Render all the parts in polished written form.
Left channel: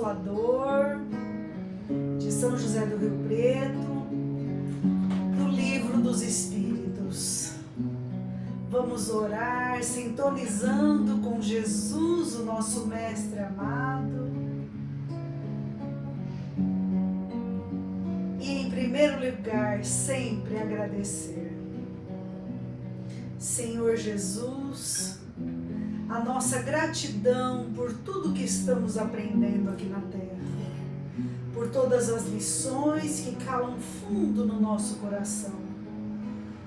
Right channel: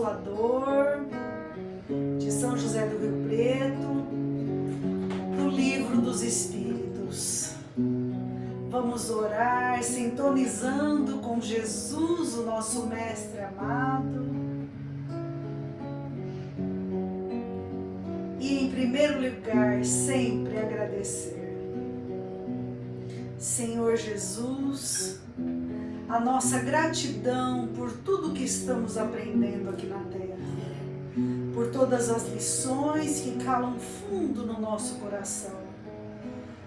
Consolador, de São José do Rio Preto, do Livro dos Espíritos. Vamos orar sintonizando com Jesus, o nosso Mestre amado. E em primeiro lugar, sempre agradecer. Senhor Jesus, a nossa gratidão por tudo que estamos aprendendo aqui na Terra, por todas as lições que calam fundo no nosso coração.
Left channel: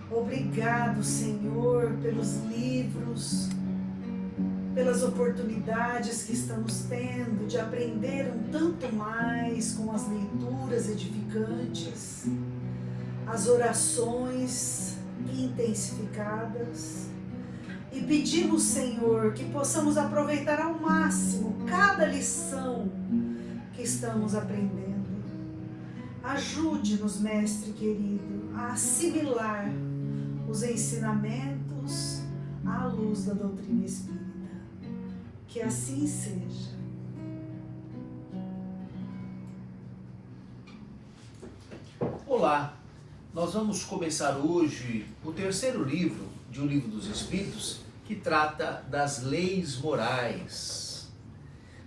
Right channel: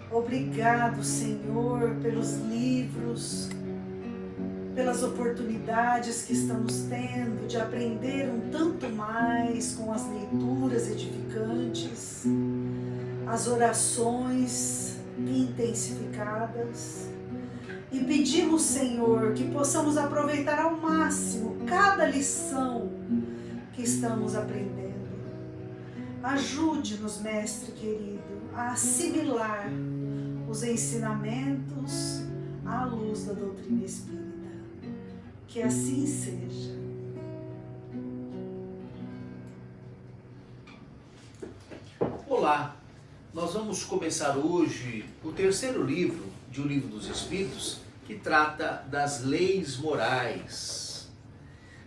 Obrigado, Senhor, pelos livros, pelas oportunidades que estamos tendo de aprender um tanto mais com as leituras edificantes, as orações intensificadas. E pedimos, Senhor, que possamos aproveitar ao máximo cada lição que estamos aprendendo. Ajude-nos, Mestre querido, a assimilar os ensinamentos à luz da doutrina espírita. Que assim seja. Olá, nós vamos começar hoje o terceiro livro de O Livro dos Espíritos, que trata das leis morais.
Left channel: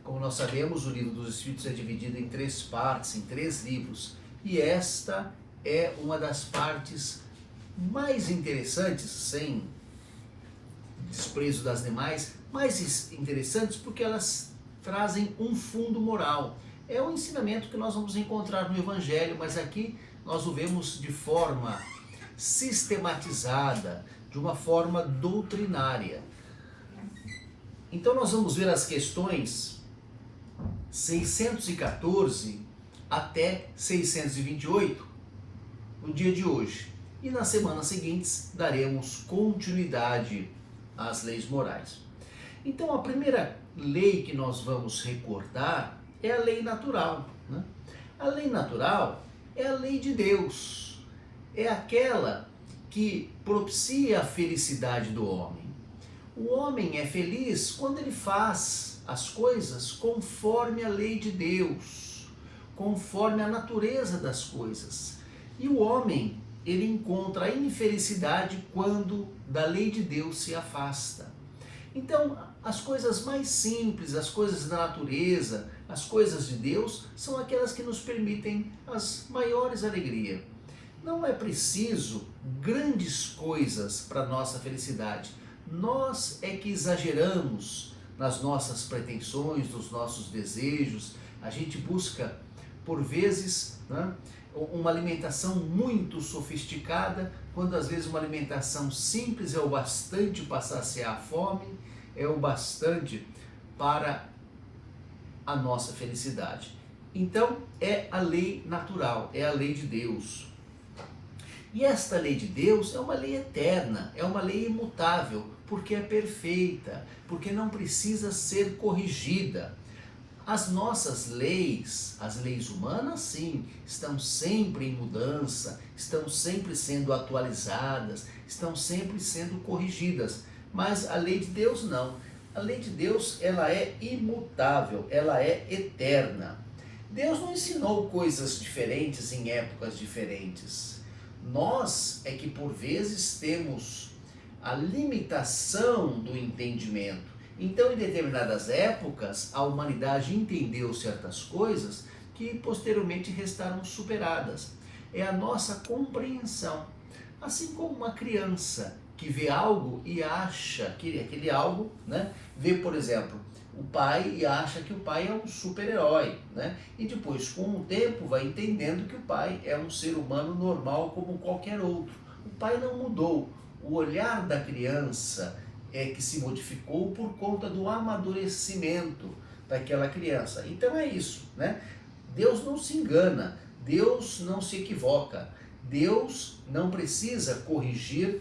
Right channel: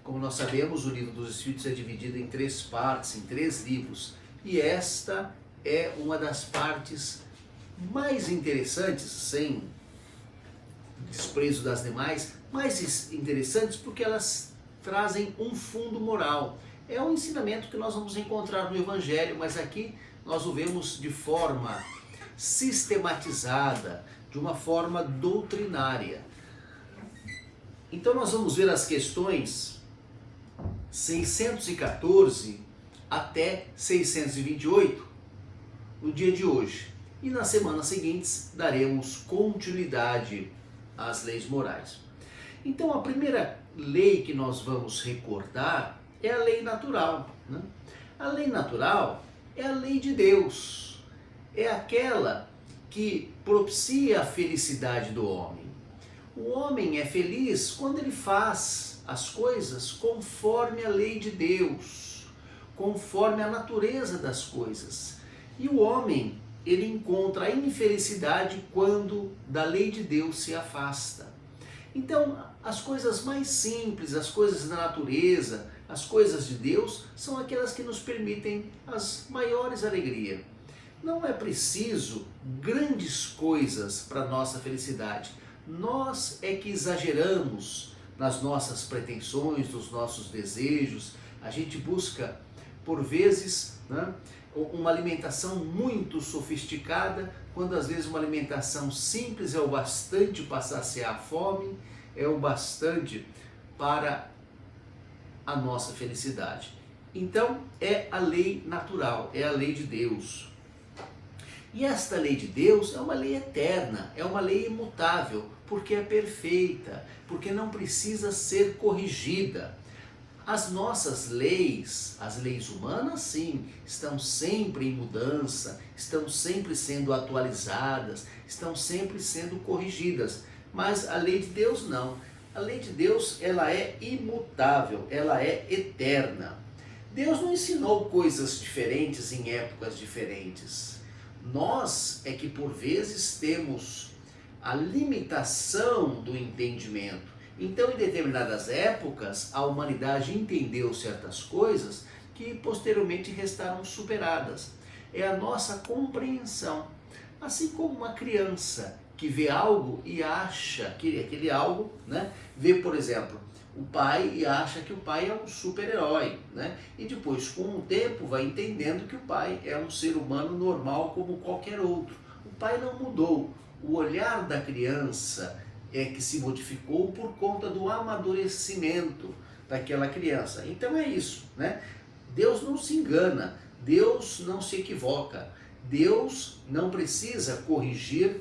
Como nós sabemos, o Livro dos Espíritos é dividido em 3 partes, em 3 livros, e esta é uma das partes mais interessantes, sem desprezo das demais, mais interessantes porque elas trazem um fundo moral. É um ensinamento que nós vamos encontrar no Evangelho, mas aqui nós o vemos de forma sistematizada, de uma forma doutrinária. Então nós vamos ver as questões 614 até 628 no dia de hoje. E nas semanas seguintes daremos continuidade às leis morais. Então a primeira lei que nós vamos recordar é a lei natural, né? A lei natural é a lei de Deus, é aquela que propicia a felicidade do homem. O homem é feliz quando ele faz as coisas conforme a lei de Deus, conforme a natureza das coisas. E o homem, ele encontra a infelicidade quando da lei de Deus se afasta. Então, as coisas mais simples, as coisas da natureza, as coisas de Deus, são aquelas que nos permitem as maiores alegrias. Não é preciso grandes coisas para a nossa felicidade. Nós é que exageramos nas nossas pretensões, nos nossos desejos. A gente busca, por vezes, né, uma alimentação muito sofisticada, quando às vezes uma alimentação simples é o bastante para saciar a fome, é o bastante para a nossa felicidade. Então é a lei natural, é a lei de Deus. E esta lei de Deus é uma lei eterna, é uma lei imutável, porque é perfeita, porque não precisa ser corrigida. As nossas leis, as leis humanas, sim, estão sempre em mudança, estão sempre sendo atualizadas, estão sempre sendo corrigidas. Mas a lei de Deus não. A lei de Deus, ela é imutável, ela é eterna. Deus não ensinou coisas diferentes em épocas diferentes. Nós é que por vezes temos a limitação do entendimento. Então, em determinadas épocas, a humanidade entendeu certas coisas que posteriormente restaram superadas. É a nossa compreensão. Assim como uma criança que vê algo e acha que aquele algo, né? Vê, por exemplo, o pai e acha que o pai é um super-herói, né? E depois, com o tempo, vai entendendo que o pai é um ser humano normal como qualquer outro. O pai não mudou. O olhar da criança é que se modificou por conta do amadurecimento daquela criança. Então é isso, né? Deus não se engana, Deus não se equivoca, Deus não precisa corrigir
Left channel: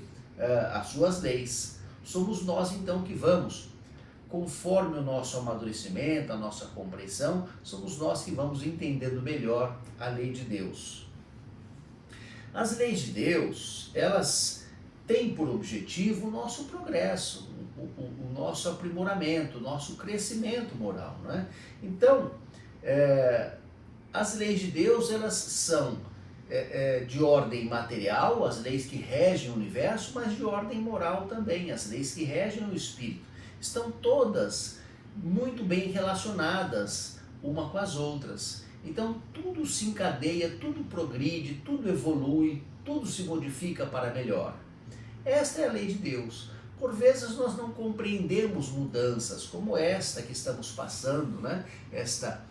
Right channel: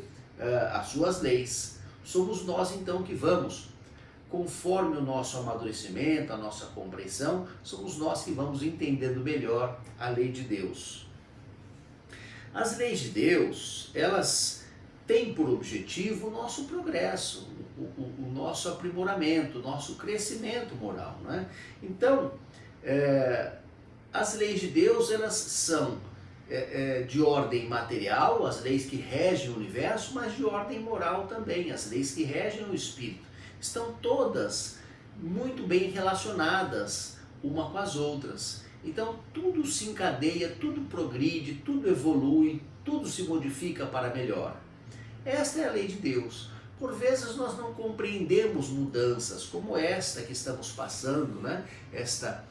as suas leis. Somos nós então que vamos, conforme o nosso amadurecimento, a nossa compreensão, somos nós que vamos entendendo melhor a lei de Deus. As leis de Deus, elas têm por objetivo o nosso progresso, o nosso aprimoramento, o nosso crescimento moral, não é? Então, As leis de Deus, elas são de ordem material, as leis que regem o universo, mas de ordem moral também, as leis que regem o espírito. Estão todas muito bem relacionadas uma com as outras. Então tudo se encadeia, tudo progride, tudo evolui, tudo se modifica para melhor. Esta é a lei de Deus. Por vezes nós não compreendemos mudanças como esta que estamos passando, né? Esta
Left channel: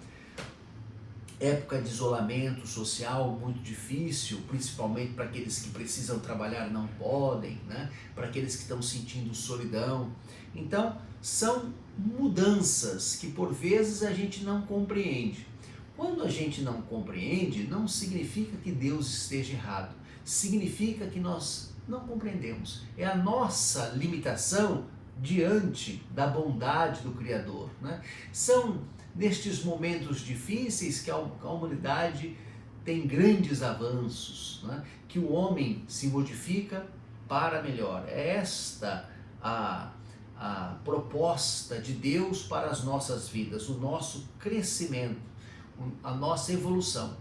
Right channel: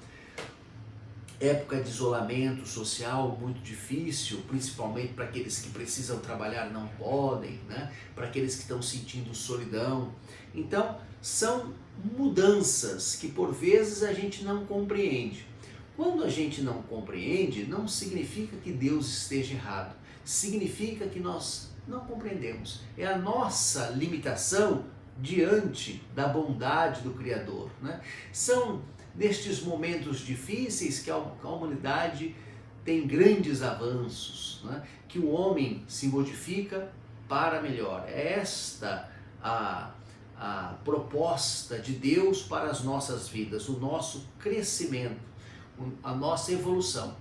época de isolamento social muito difícil, principalmente para aqueles que precisam trabalhar e não podem, né? Para aqueles que estão sentindo solidão. Então, são mudanças que por vezes a gente não compreende. Quando a gente não compreende, não significa que Deus esteja errado. Significa que nós não compreendemos. É a nossa limitação diante da bondade do Criador, né? São nestes momentos difíceis que a humanidade tem grandes avanços, né? Que o homem se modifica para melhor. É esta a proposta de Deus para as nossas vidas, o nosso crescimento, a nossa evolução.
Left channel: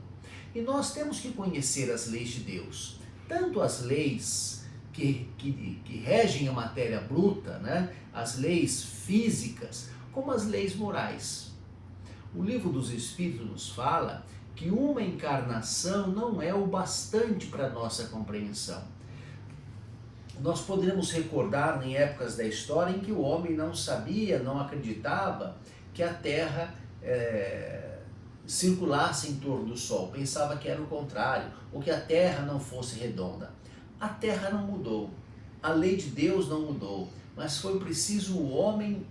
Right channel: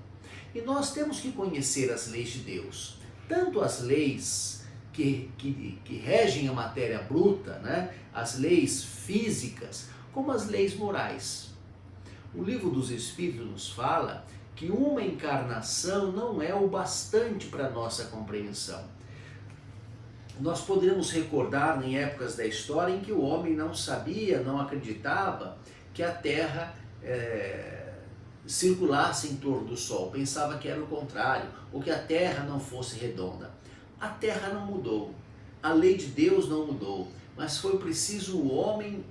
E nós temos que conhecer as leis de Deus, tanto as leis que regem a matéria bruta, né? As leis físicas, como as leis morais. O Livro dos Espíritos nos fala que uma encarnação não é o bastante para a nossa compreensão. Nós poderemos recordar em épocas da história em que o homem não sabia, não acreditava que a Terra circulasse em torno do Sol, pensava que era o contrário, ou que a Terra não fosse redonda. A Terra não mudou, a lei de Deus não mudou, mas foi preciso o homem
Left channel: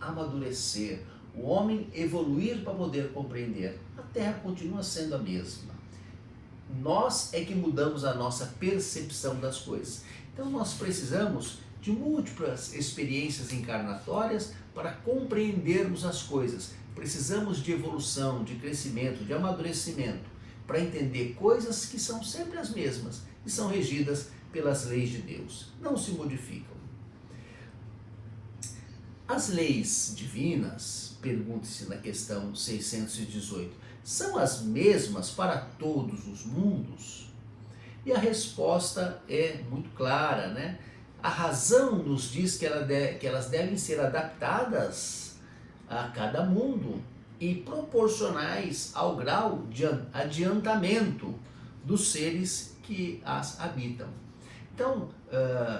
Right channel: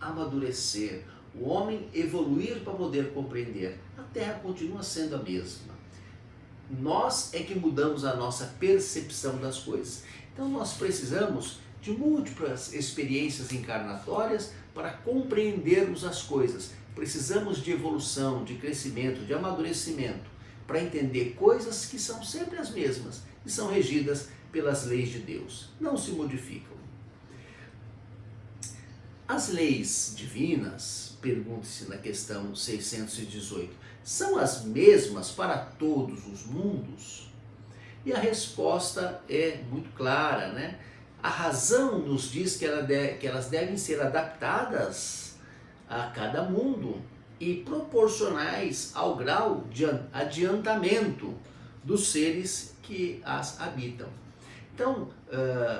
amadurecer, o homem evoluir para poder compreender. A Terra continua sendo a mesma. Nós é que mudamos a nossa percepção das coisas. Então nós precisamos de múltiplas experiências encarnatórias para compreendermos as coisas. Precisamos de evolução, de crescimento, de amadurecimento, para entender coisas que são sempre as mesmas e são regidas pelas leis de Deus. Não se modificam. As leis divinas, pergunta-se na questão 618, são as mesmas para todos os mundos? E a resposta é muito clara, né? A razão nos diz que elas devem ser adaptadas a cada mundo e proporcionais ao grau de adiantamento dos seres que as habitam. Então,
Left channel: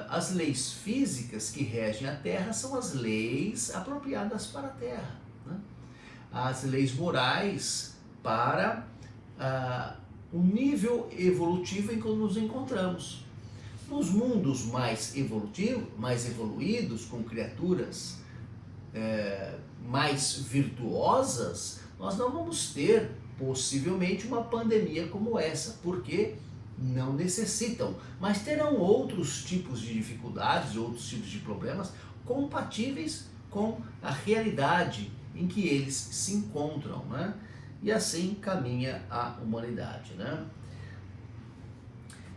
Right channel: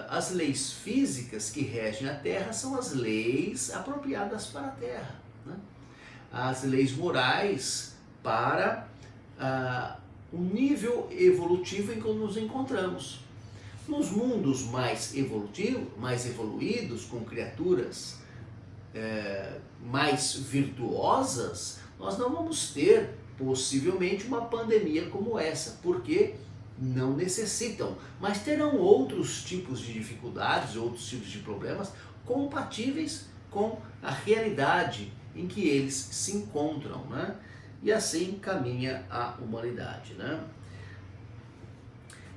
as leis físicas que regem a Terra são as leis apropriadas para a Terra, né? As leis morais para o nível evolutivo em que nos encontramos. Nos mundos mais evoluídos, com criaturas mais virtuosas, nós não vamos ter possivelmente uma pandemia como essa, porque não necessitam, mas terão outros tipos de dificuldades, outros tipos de problemas compatíveis com a realidade em que eles se encontram, né? E assim caminha a humanidade, né?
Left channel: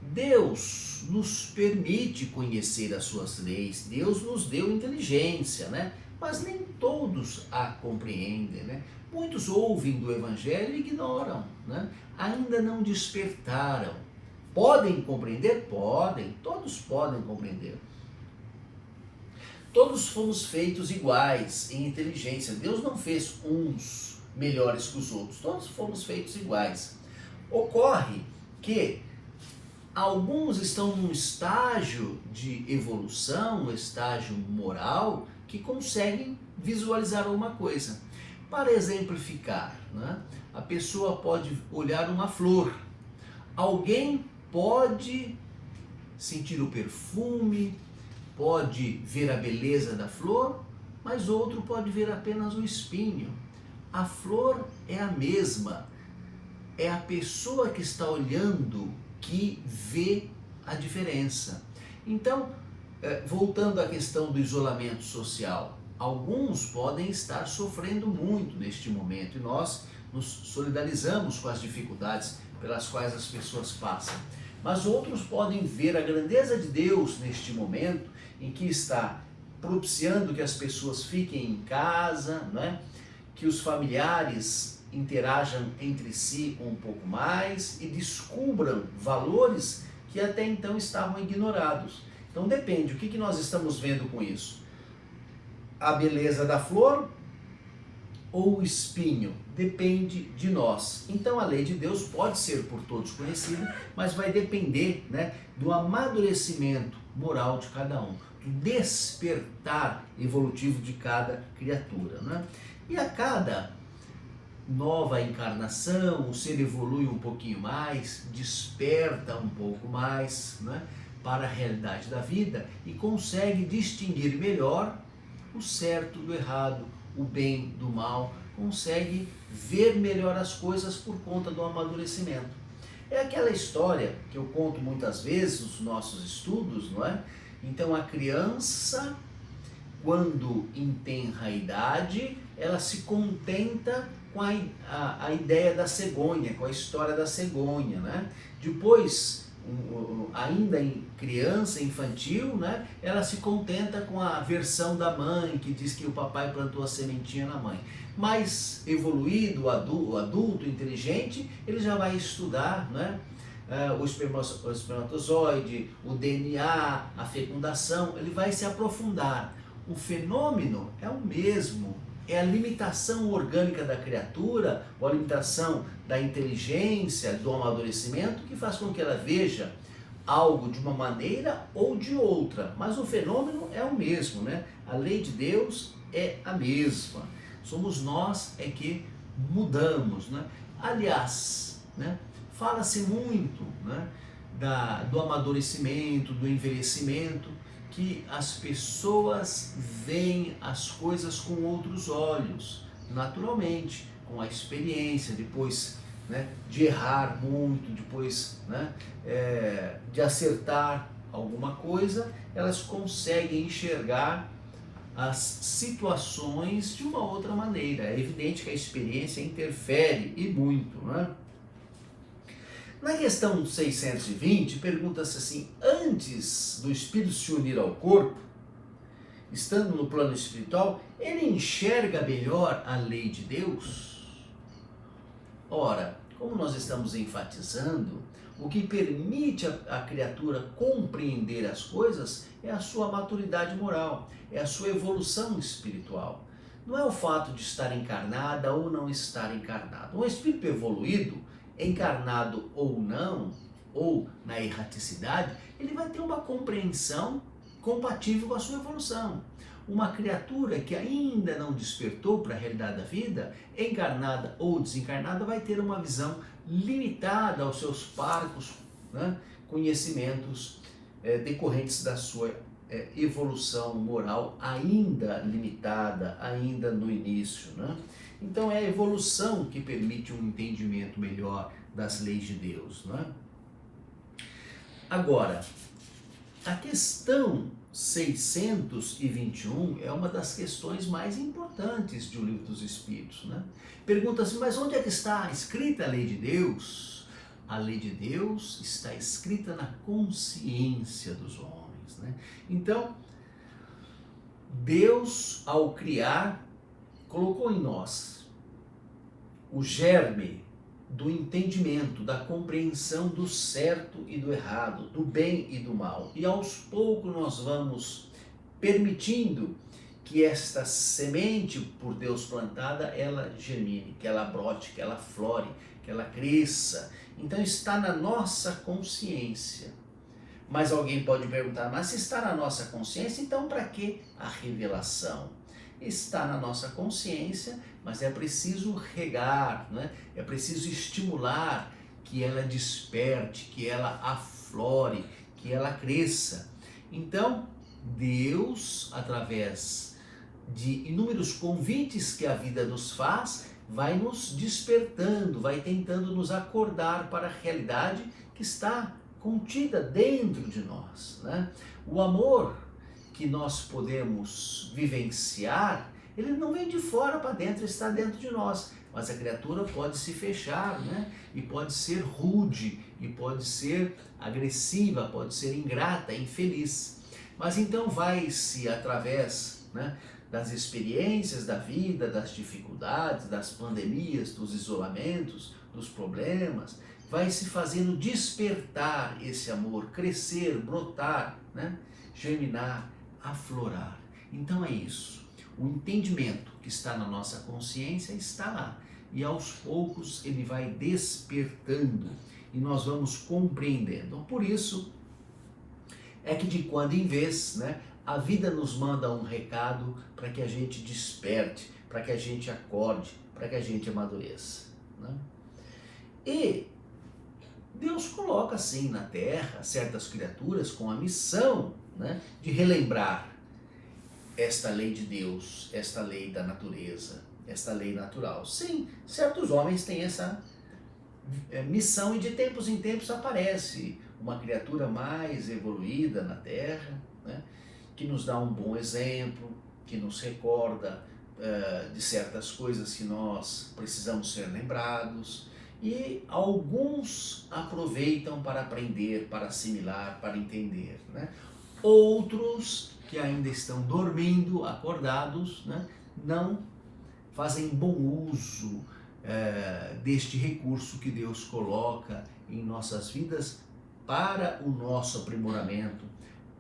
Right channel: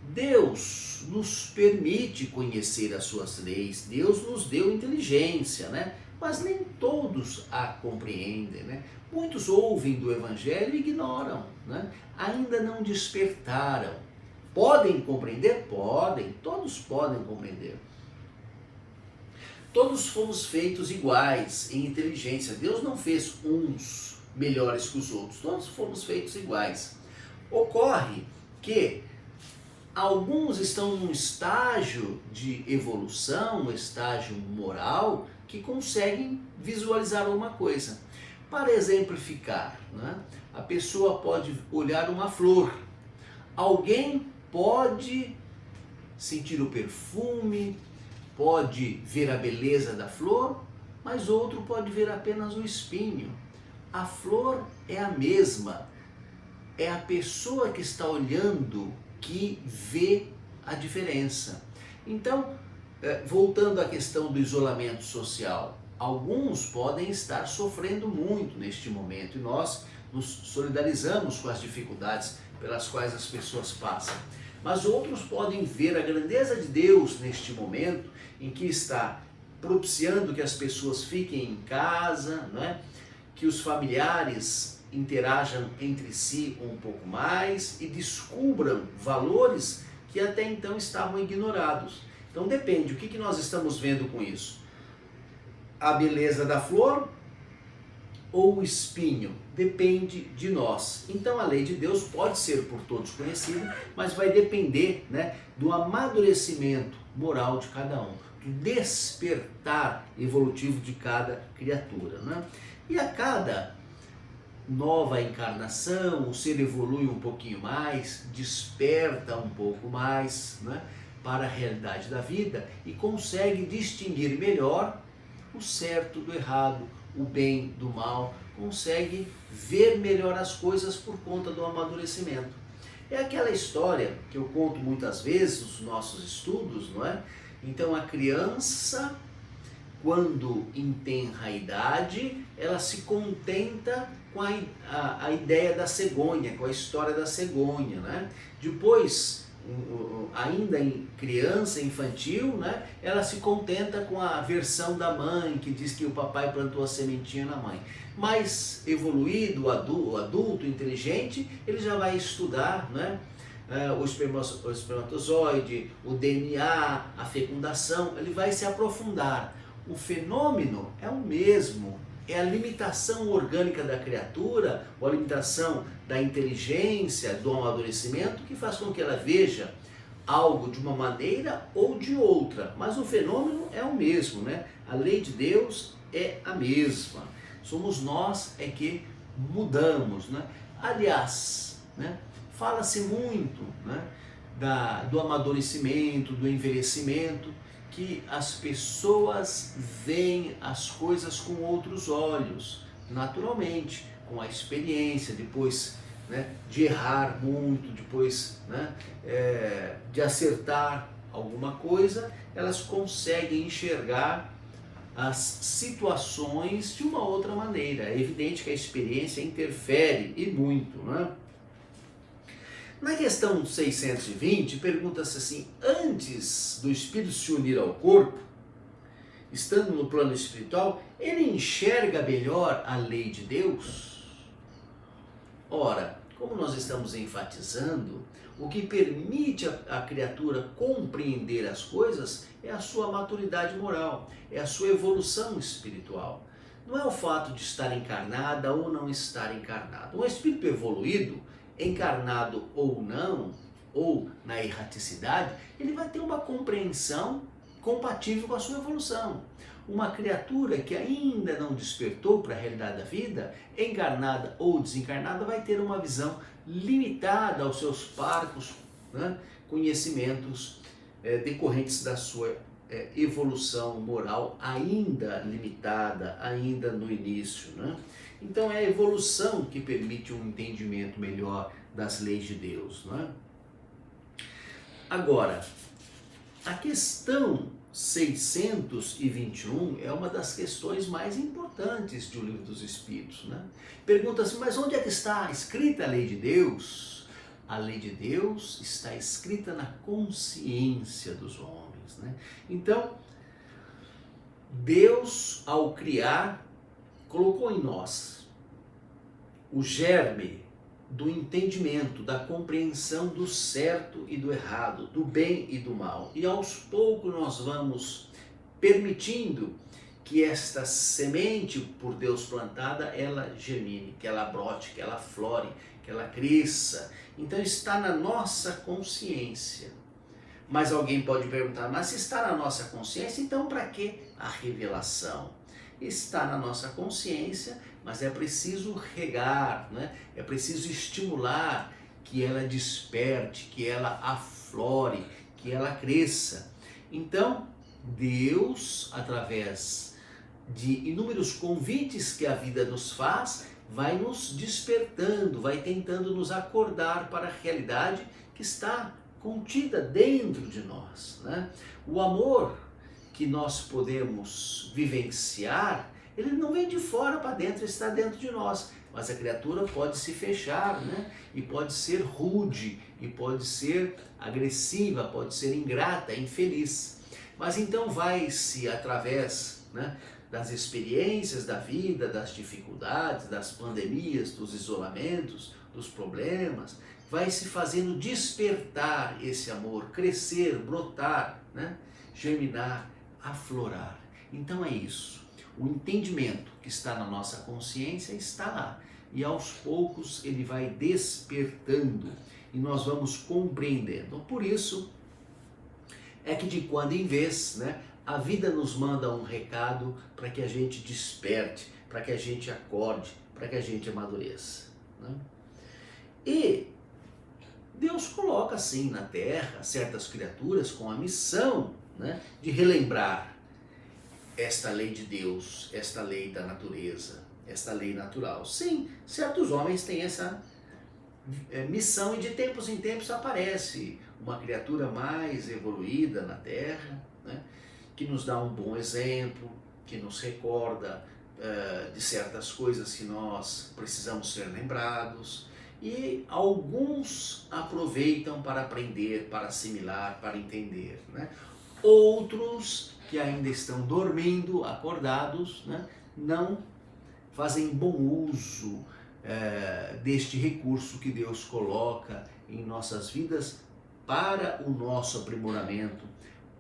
Deus nos permite conhecer as suas leis, Deus nos deu inteligência, né? Mas nem todos a compreendem, né? Muitos ouvem do Evangelho e ignoram, né? Ainda não despertaram. Podem compreender? Podem, todos podem compreender. Todos fomos feitos iguais em inteligência. Deus não fez uns melhores que os outros, todos fomos feitos iguais. Ocorre que alguns estão num estágio de evolução, um estágio moral, que conseguem visualizar uma coisa. Para exemplificar, né? A pessoa pode olhar uma flor, alguém pode sentir o perfume, pode ver a beleza da flor, mas outro pode ver apenas o espinho. A flor é a mesma, é a pessoa que está olhando que vê a diferença. Então, voltando à questão do isolamento social, alguns podem estar sofrendo muito neste momento e nós nos solidarizamos com as dificuldades pelas quais as pessoas passam. Mas outros podem ver a grandeza de Deus neste momento em que está propiciando que as pessoas fiquem em casa, né? Que os familiares interajam entre si um pouco mais e descubram valores que até então estavam ignorados. Então depende, o que nós estamos vendo com isso? A beleza da flor ou o espinho? Depende de nós. Então a lei de Deus pode ser por todos conhecida, mas vai depender, né, do amadurecimento moral de cada um, do despertar evolutivo de cada criatura, né? E a cada nova encarnação, o ser evolui um pouquinho mais, desperta um pouco mais, né, para a realidade da vida e consegue distinguir melhor o certo do errado, o bem do mal, consegue ver melhor as coisas por conta do amadurecimento. É aquela história que eu conto muitas vezes nos nossos estudos, não é? Então a criança, quando em tenra idade, ela se contenta com a ideia da cegonha, com a história da cegonha, né? Depois, ainda em criança, infantil, né, ela se contenta com a versão da mãe, que diz que o papai plantou a sementinha na mãe. Mais evoluído, o adulto inteligente, ele já vai estudar, né, o espermatozoide, o DNA, a fecundação, ele vai se aprofundar. O fenômeno é o mesmo. É a limitação orgânica da criatura, ou a limitação da inteligência, do amadurecimento, que faz com que ela veja algo de uma maneira ou de outra. Mas o fenômeno é o mesmo, né? A lei de Deus é a mesma. Somos nós é que mudamos, né? Aliás, né, fala-se muito, né, do amadurecimento, do envelhecimento, que as pessoas veem as coisas com outros olhos, naturalmente, com a experiência, depois, né, de errar muito, depois, né, de acertar alguma coisa, elas conseguem enxergar as situações de uma outra maneira. É evidente que a experiência interfere e muito, né? Na questão 620, pergunta-se assim: antes do espírito se unir ao corpo, estando no plano espiritual, ele enxerga melhor a lei de Deus? Ora, como nós estamos enfatizando, o que permite a criatura compreender as coisas é a sua maturidade moral, é a sua evolução espiritual. Não é o fato de estar encarnada ou não estar encarnada. Um espírito evoluído, encarnado ou não, ou na erraticidade, ele vai ter uma compreensão compatível com a sua evolução. Uma criatura que ainda não despertou para a realidade da vida, encarnada ou desencarnada, vai ter uma visão limitada aos seus parcos, né, conhecimentos decorrentes da sua evolução moral ainda limitada, ainda no início, né? Então é a evolução que permite um entendimento melhor das leis de Deus, não é? Agora, a questão 621 é uma das questões mais importantes do Livro dos Espíritos, né? Pergunta-se, mas onde é que está escrita a lei de Deus? A lei de Deus está escrita na consciência dos homens, né? Então, Deus, ao criar, colocou em nós o germe do entendimento, da compreensão do certo e do errado, do bem e do mal. E aos poucos nós vamos permitindo que esta semente por Deus plantada, ela germine, que ela brote, que ela flore, que ela cresça. Então está na nossa consciência. Mas alguém pode perguntar, mas se está na nossa consciência, então para que a revelação? Está na nossa consciência, mas é preciso regar, né? É preciso estimular que ela desperte, que ela aflore, que ela cresça. Então, Deus, através de inúmeros convites que a vida nos faz, vai nos despertando, vai tentando nos acordar para a realidade que está contida dentro de nós, né? O amor que nós podemos vivenciar, ele não vem de fora para dentro, está dentro de nós. Mas a criatura pode se fechar, né? E pode ser rude, e pode ser agressiva, pode ser ingrata, infeliz. Mas então vai-se, através, né, das experiências da vida, das dificuldades, das pandemias, dos isolamentos, dos problemas, vai se fazendo despertar esse amor, crescer, brotar, né? Germinar, aflorar. Então é isso. O entendimento que está na nossa consciência está lá. E aos poucos ele vai despertando e nós vamos compreendendo. Por isso é que de quando em vez, né, a vida nos manda um recado para que a gente desperte, para que a gente acorde, para que a gente amadureça, né? E Deus coloca assim na terra certas criaturas com a missão, né, de relembrar esta lei de Deus, esta lei da natureza, esta lei natural. Sim, certos homens têm essa missão e de tempos em tempos aparece uma criatura mais evoluída na terra, né, que nos dá um bom exemplo, que nos recorda de certas coisas que nós precisamos ser lembrados. E alguns aproveitam para aprender, para assimilar, para entender, né? Outros que ainda estão dormindo, acordados, né, não fazem bom uso deste recurso que Deus coloca em nossas vidas para o nosso aprimoramento,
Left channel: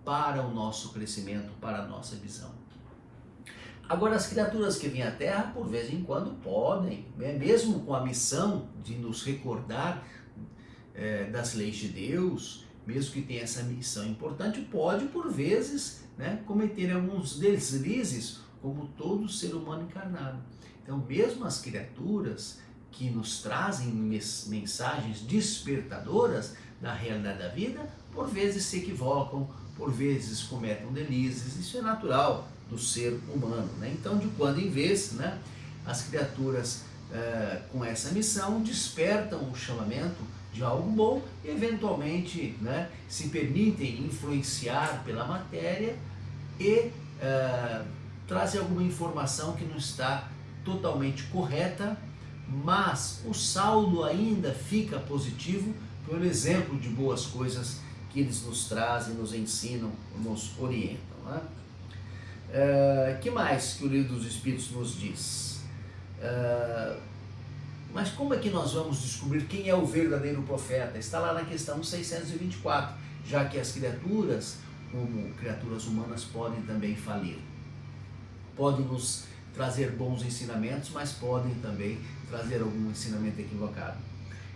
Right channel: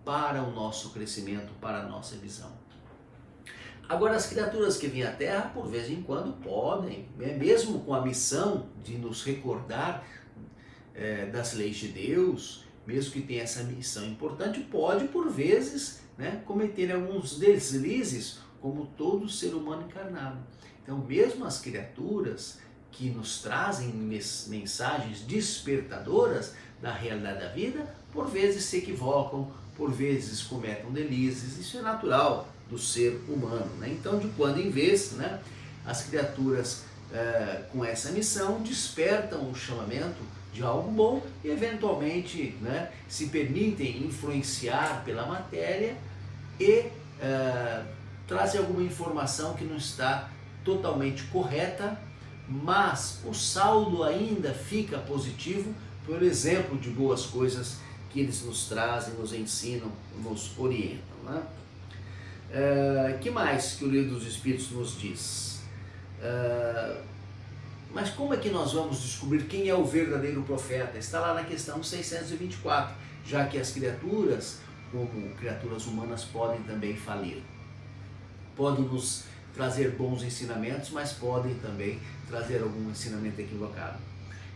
para o nosso crescimento, para a nossa visão. Agora, as criaturas que vêm à Terra, por vez em quando, podem, né, mesmo com a missão de nos recordar das leis de Deus, mesmo que tenha essa missão importante, pode, por vezes, né, cometer alguns deslizes, como todo ser humano encarnado. Então, mesmo as criaturas que nos trazem mensagens despertadoras da realidade da vida, por vezes se equivocam, por vezes cometem deslizes. Isso é natural do ser humano, né? Então, de quando em vez, né, as criaturas com essa missão despertam o chamamento de algo bom e eventualmente, né, se permitem influenciar pela matéria e trazem alguma informação que não está totalmente correta, mas o saldo ainda fica positivo pelo exemplo de boas coisas que eles nos trazem, nos ensinam, nos orientam, né? Que mais que o Livro dos Espíritos nos diz? Mas como é que nós vamos descobrir quem é o verdadeiro profeta? Está lá na questão 624, já que as criaturas, como criaturas humanas, podem também falir. Podem nos trazer bons ensinamentos, mas podem também trazer algum ensinamento equivocado.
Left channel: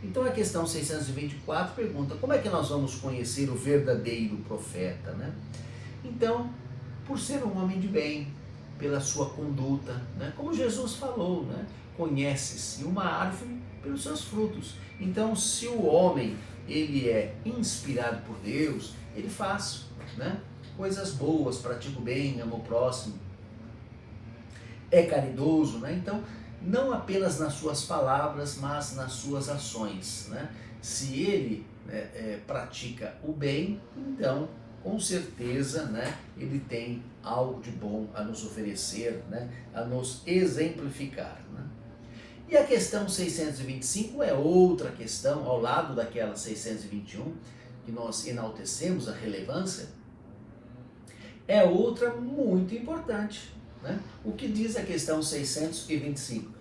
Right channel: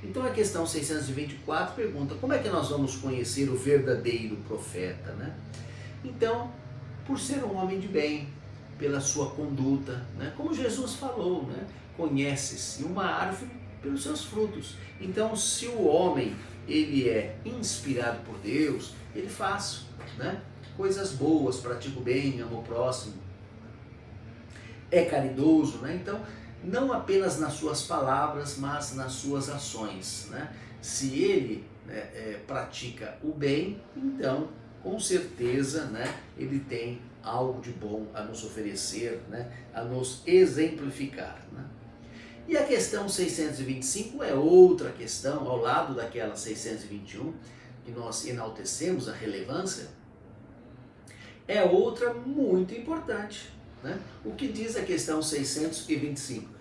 Então a questão 624 pergunta: como é que nós vamos conhecer o verdadeiro profeta, né? Então, por ser um homem de bem, pela sua conduta, né? Como Jesus falou, né? Conhece-se uma árvore pelos seus frutos. Então, se o homem ele é inspirado por Deus, ele faz, né, coisas boas, pratica o bem, ama o próximo, é caridoso, né? Então, não apenas nas suas palavras, mas nas suas ações, né? Se ele pratica o bem, então com certeza, né, ele tem algo de bom a nos oferecer, né, a nos exemplificar, né? E a questão 625 é outra questão, ao lado daquela 621, que nós enaltecemos a relevância, é outra muito importante, né? O que diz a questão 625?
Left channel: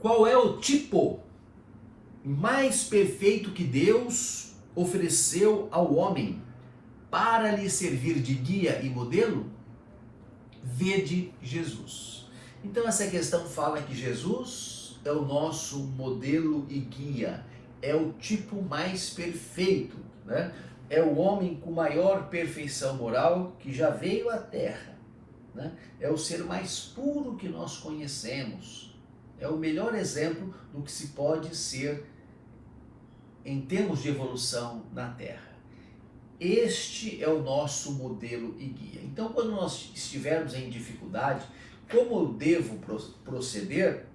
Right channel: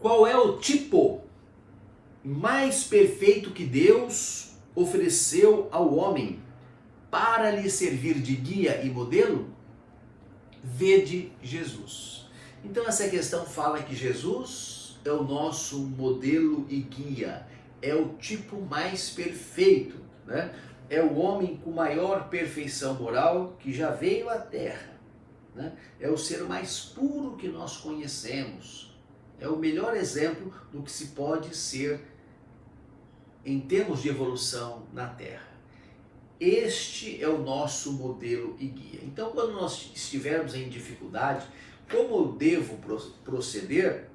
Qual é o tipo mais perfeito que Deus ofereceu ao homem para lhe servir de guia e modelo? Vede Jesus. Então essa questão fala que Jesus é o nosso modelo e guia, é o tipo mais perfeito, né? É o homem com maior perfeição moral que já veio à Terra, né? É o ser mais puro que nós conhecemos, é o melhor exemplo do que se pode ser em termos de evolução na Terra. Este é o nosso modelo e guia. Então, quando nós estivermos em dificuldade, como eu devo proceder?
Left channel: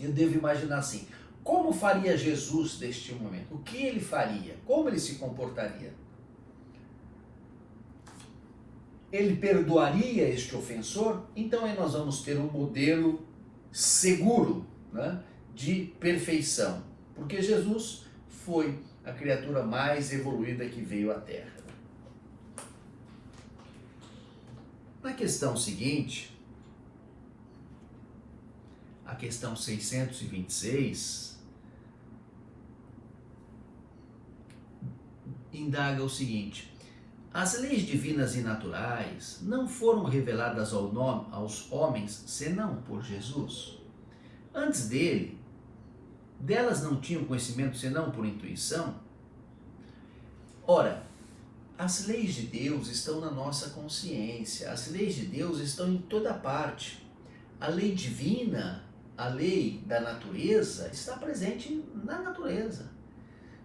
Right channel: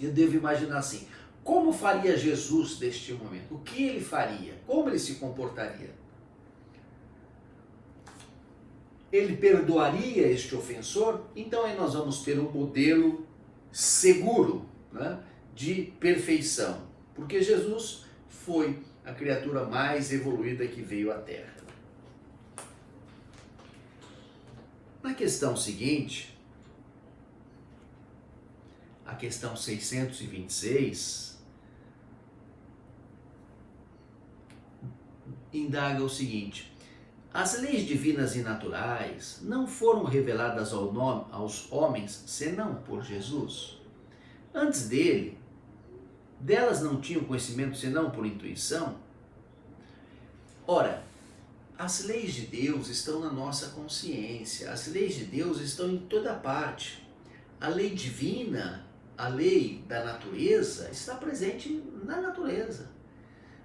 Eu devo imaginar assim: como faria Jesus neste momento? O que ele faria? Como ele se comportaria? Ele perdoaria este ofensor? Então aí nós vamos ter um modelo seguro, né, de perfeição, porque Jesus foi a criatura mais evoluída que veio à Terra. Na questão seguinte, a questão 626, indaga o seguinte: as leis divinas e naturais não foram reveladas aos homens senão por Jesus? Antes delas não tinham conhecimento senão por intuição? Ora, as leis de Deus estão na nossa consciência, as leis de Deus estão em toda parte. A lei divina, a lei da natureza, está presente na natureza.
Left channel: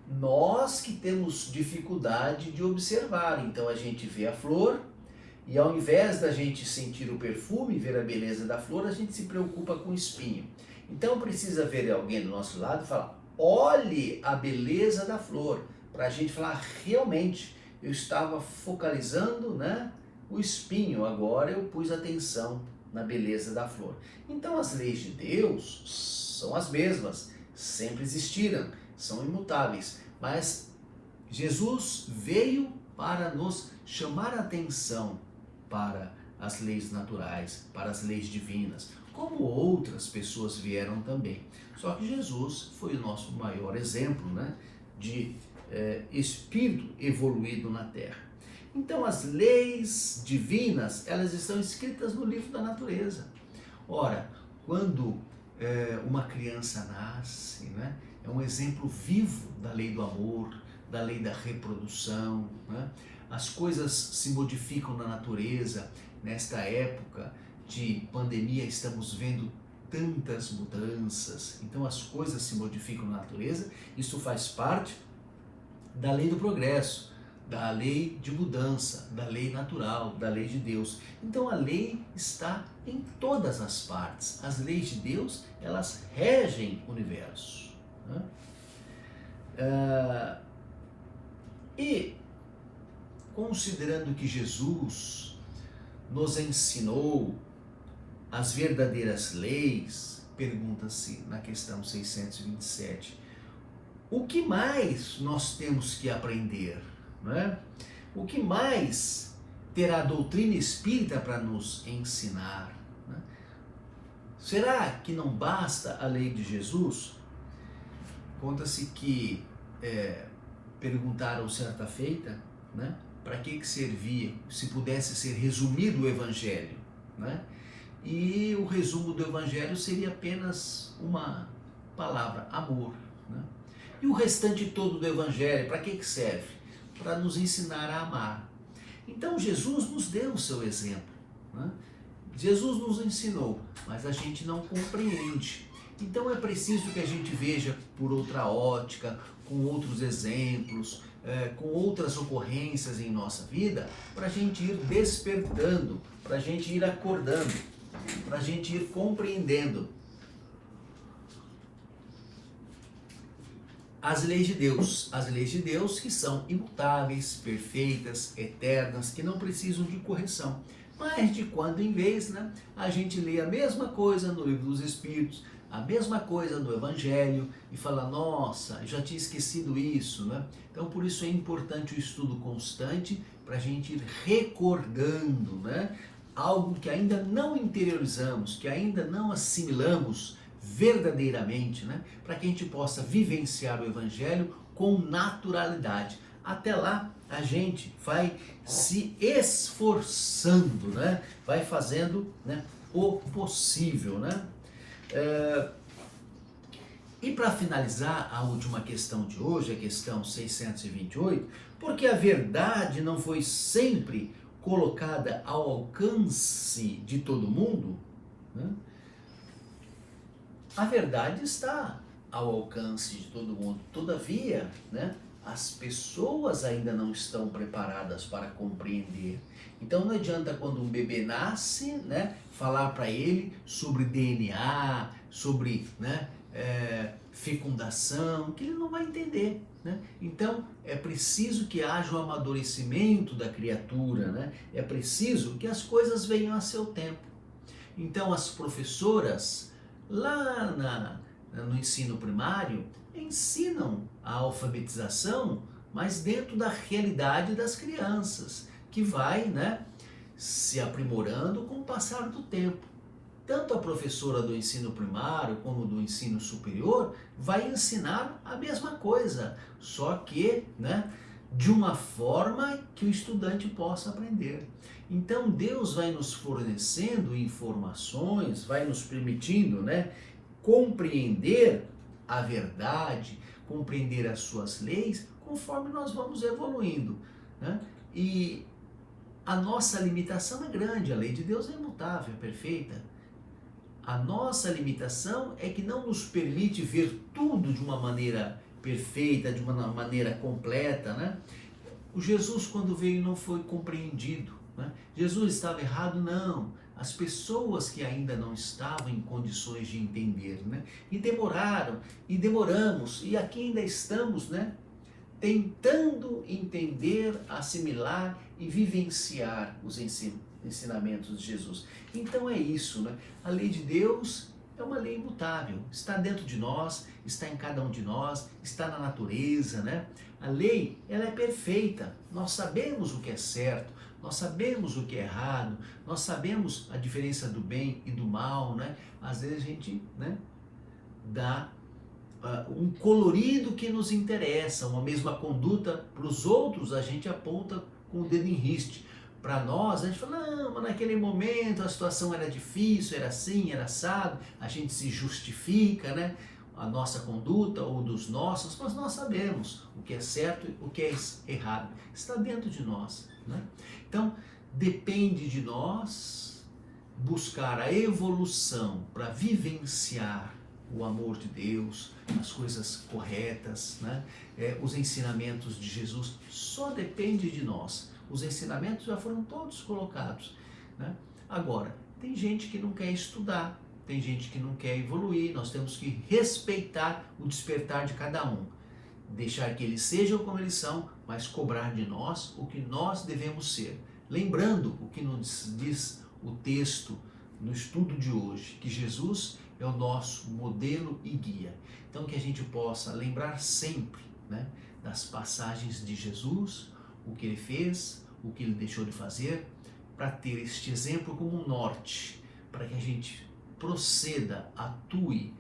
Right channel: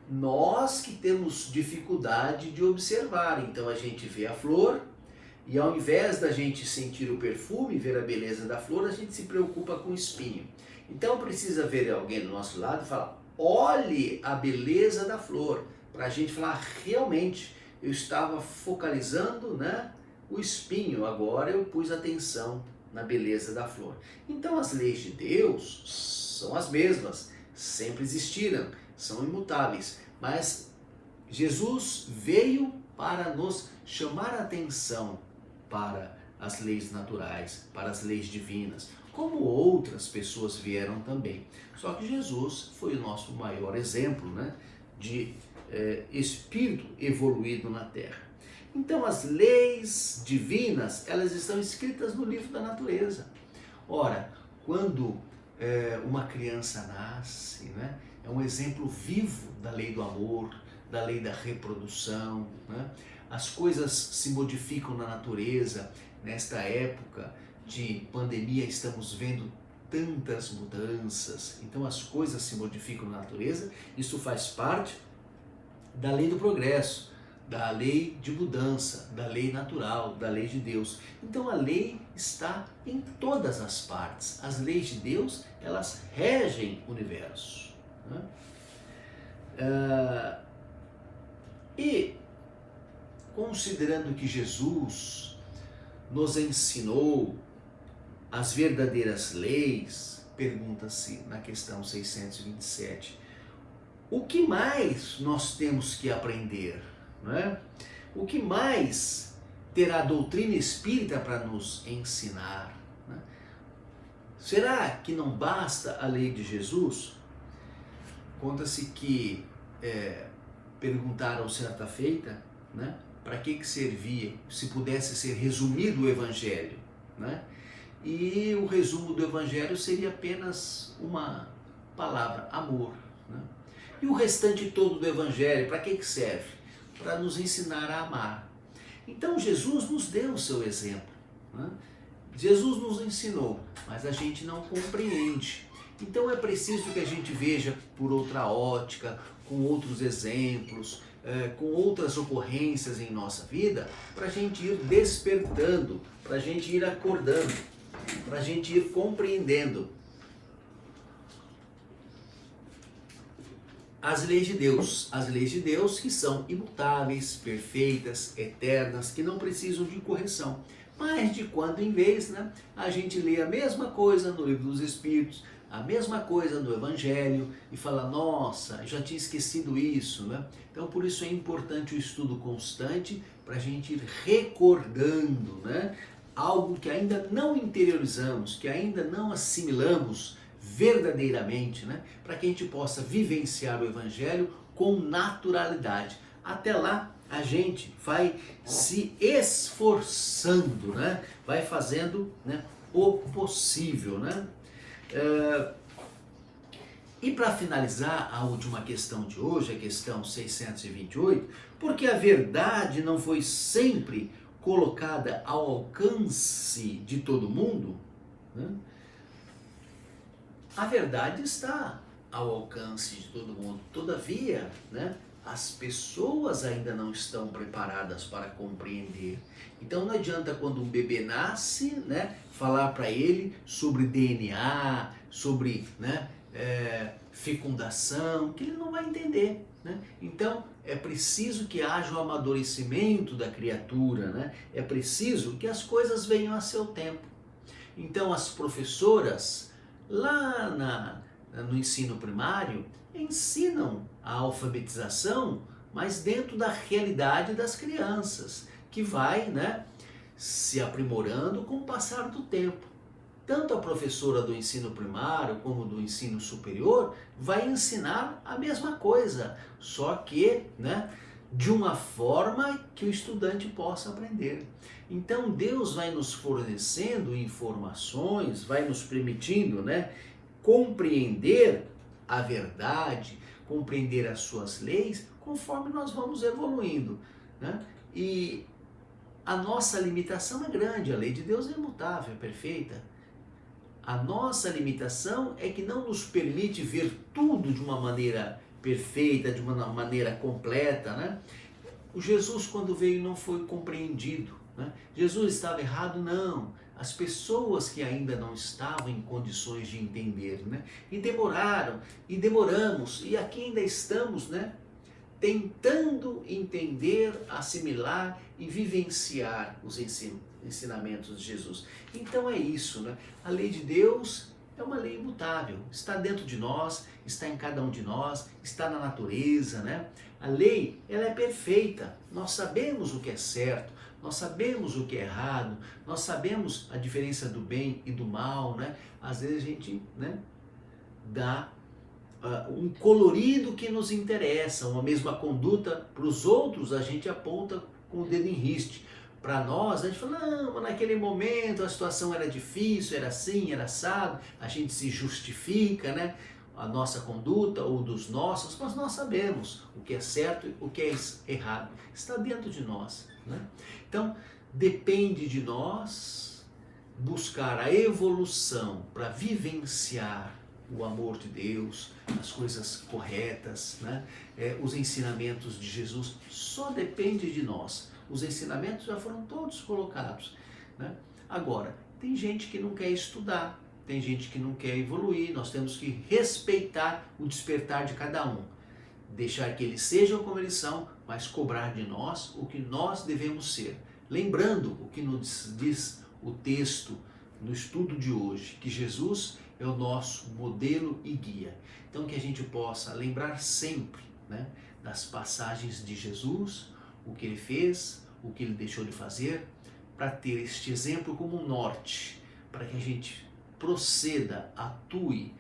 Nós que temos dificuldade de observar, então a gente vê a flor e ao invés da gente sentir o perfume, ver a beleza da flor, a gente se preocupa com o espinho. Então precisa ver alguém do nosso lado e falar: olhe a beleza da flor, para a gente falar: realmente eu estava focalizando, né, o espinho, agora eu pus atenção na beleza da flor. Então as leis de Deus são as mesmas, sempre existiram, são imutáveis, mas Jesus veio para nos chamar a atenção para as leis naturais, para as leis divinas, como outras pessoas vieram também. Só que Jesus foi o nosso maior exemplo, né, de espírito evoluído na Terra. Então as leis divinas, elas estão escritas no livro da natureza. Ora, quando uma criança nasce, né, é um exemplo vivo da lei do amor, da lei da reprodução, né? As coisas se modificam na natureza. Nesta época de pandemia estamos vendo tantas mudanças, então as coisas se modificam na natureza. Isso faz parte da lei do progresso, da lei de mudança, da lei natural, da lei de Deus. Então a lei está em todas as partes. As leis de Deus, elas regem o universo, né? E considerando que Jesus nos ensinou as verdadeiras leis, pergunta-se na questão 627, o que mais nós temos que aprender, né? O que mais terá a doutrina espírita para nos ensinar, né? Será que não basta a lei de Jesus? Conta-se que perguntaram certa feita, né, para que servia, se pudesse ser resumido o Evangelho, né? E o resumo do Evangelho seria apenas uma palavra: amor, né? E o restante todo do Evangelho, para que serve? Para nos ensinar a amar. Então Jesus nos deu o seu exemplo, né? Jesus nos ensinou, mas a gente não compreende. Então é preciso que a gente veja por outra ótica, com outros exemplos, com outras ocorrências em nossa vida, para a gente ir despertando, para a gente ir acordando, para a gente ir compreendendo as leis de Deus que são imutáveis, perfeitas, eternas, que não precisam de correção. Mas de quando em vez, né, a gente lê a mesma coisa no Livro dos Espíritos, a mesma coisa no Evangelho e fala: nossa, já tinha esquecido isso, né? Então por isso é importante o estudo constante, para a gente ir recordando, né, algo que ainda não interiorizamos, que ainda não assimilamos verdadeiramente, né, para que a gente possa vivenciar o Evangelho com naturalidade. Até lá a gente vai se esforçando, né, vai fazendo, né, o possível, né? E para finalizar a última questão de hoje, a questão 628, porque a verdade não foi sempre colocada ao alcance de todo mundo, né? A verdade está ao alcance de todo mundo, todavia, né, as pessoas ainda não estão preparadas para compreender. Então não adianta, quando um bebê nasce, né, falar para ele sobre DNA, sobre, né, fecundação, que ele não vai entender, né? Então é preciso que haja um amadurecimento da criatura, né? É preciso que as coisas venham a seu tempo. Então as professoras lá no ensino primário ensinam a alfabetização, mas dentro da realidade das crianças, que vai, né, se aprimorando com o passar do tempo. Tanto a professora do ensino primário como do ensino superior vai ensinar a mesma coisa, só que, né, de uma forma que o estudante possa aprender. Então Deus vai nos fornecendo informações, vai nos permitindo, né, compreender a verdade, compreender as suas leis, conforme nós vamos evoluindo, né? E a nossa limitação é grande, a lei de Deus é imutável, é perfeita. A nossa limitação é que não nos permite ver tudo de uma maneira perfeita, de uma maneira completa, né? O Jesus, quando veio, não foi compreendido, né? Jesus estava errado? Não. As pessoas que ainda não estavam em condições de entender, né? E demoraram, e demoramos, e aqui ainda estamos, né, tentando entender, assimilar e vivenciar os ensinamentos de Jesus. Então é isso, né? A lei de Deus é uma lei imutável, está dentro de nós, está em cada um de nós, está na natureza, né? A lei, ela é perfeita, nós sabemos o que é certo, nós sabemos o que é errado, nós sabemos a diferença do bem e do mal, né? Às vezes a gente, né, dá um colorido que nos interessa, uma mesma conduta para os outros, a gente aponta com o dedo em riste. Para nós, a gente fala, não, mas naquele momento a situação era difícil, era assim, era assado, a gente se justifica, né, a nossa conduta ou dos nossos, mas nós sabemos o que é certo e o que é errado, está dentro de nós, né? Então, depende de nós buscar a evolução para vivenciar o amor de Deus, as coisas corretas, né? Os ensinamentos de Jesus, só depende de nós. Os ensinamentos já foram todos colocados, né? Agora, tem gente que não quer estudar, tem gente que não quer evoluir, nós temos que respeitar o despertar de cada um. Deixar que eles sejam como eles são, mas cobrar de nós o que nós devemos ser. Lembrando o que nos diz o texto no estudo de hoje, que Jesus é o nosso modelo e guia. Então que a gente possa lembrar sempre, né, das passagens de Jesus, o que ele fez, o que ele deixou de fazer, para ter este exemplo como um norte, para que a gente proceda, atue,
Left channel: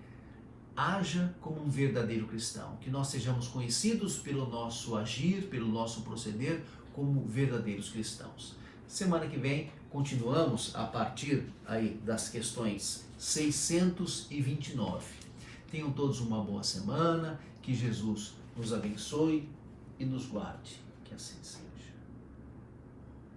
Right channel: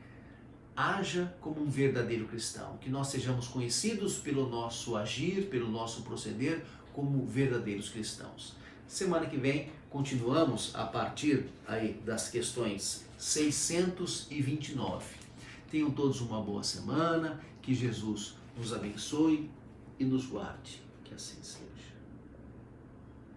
haja como um verdadeiro cristão, que nós sejamos conhecidos pelo nosso agir, pelo nosso proceder, como verdadeiros cristãos. Semana que vem continuamos a partir aí das questões 629. Tenham todos uma boa semana, que Jesus nos abençoe e nos guarde. Que assim seja.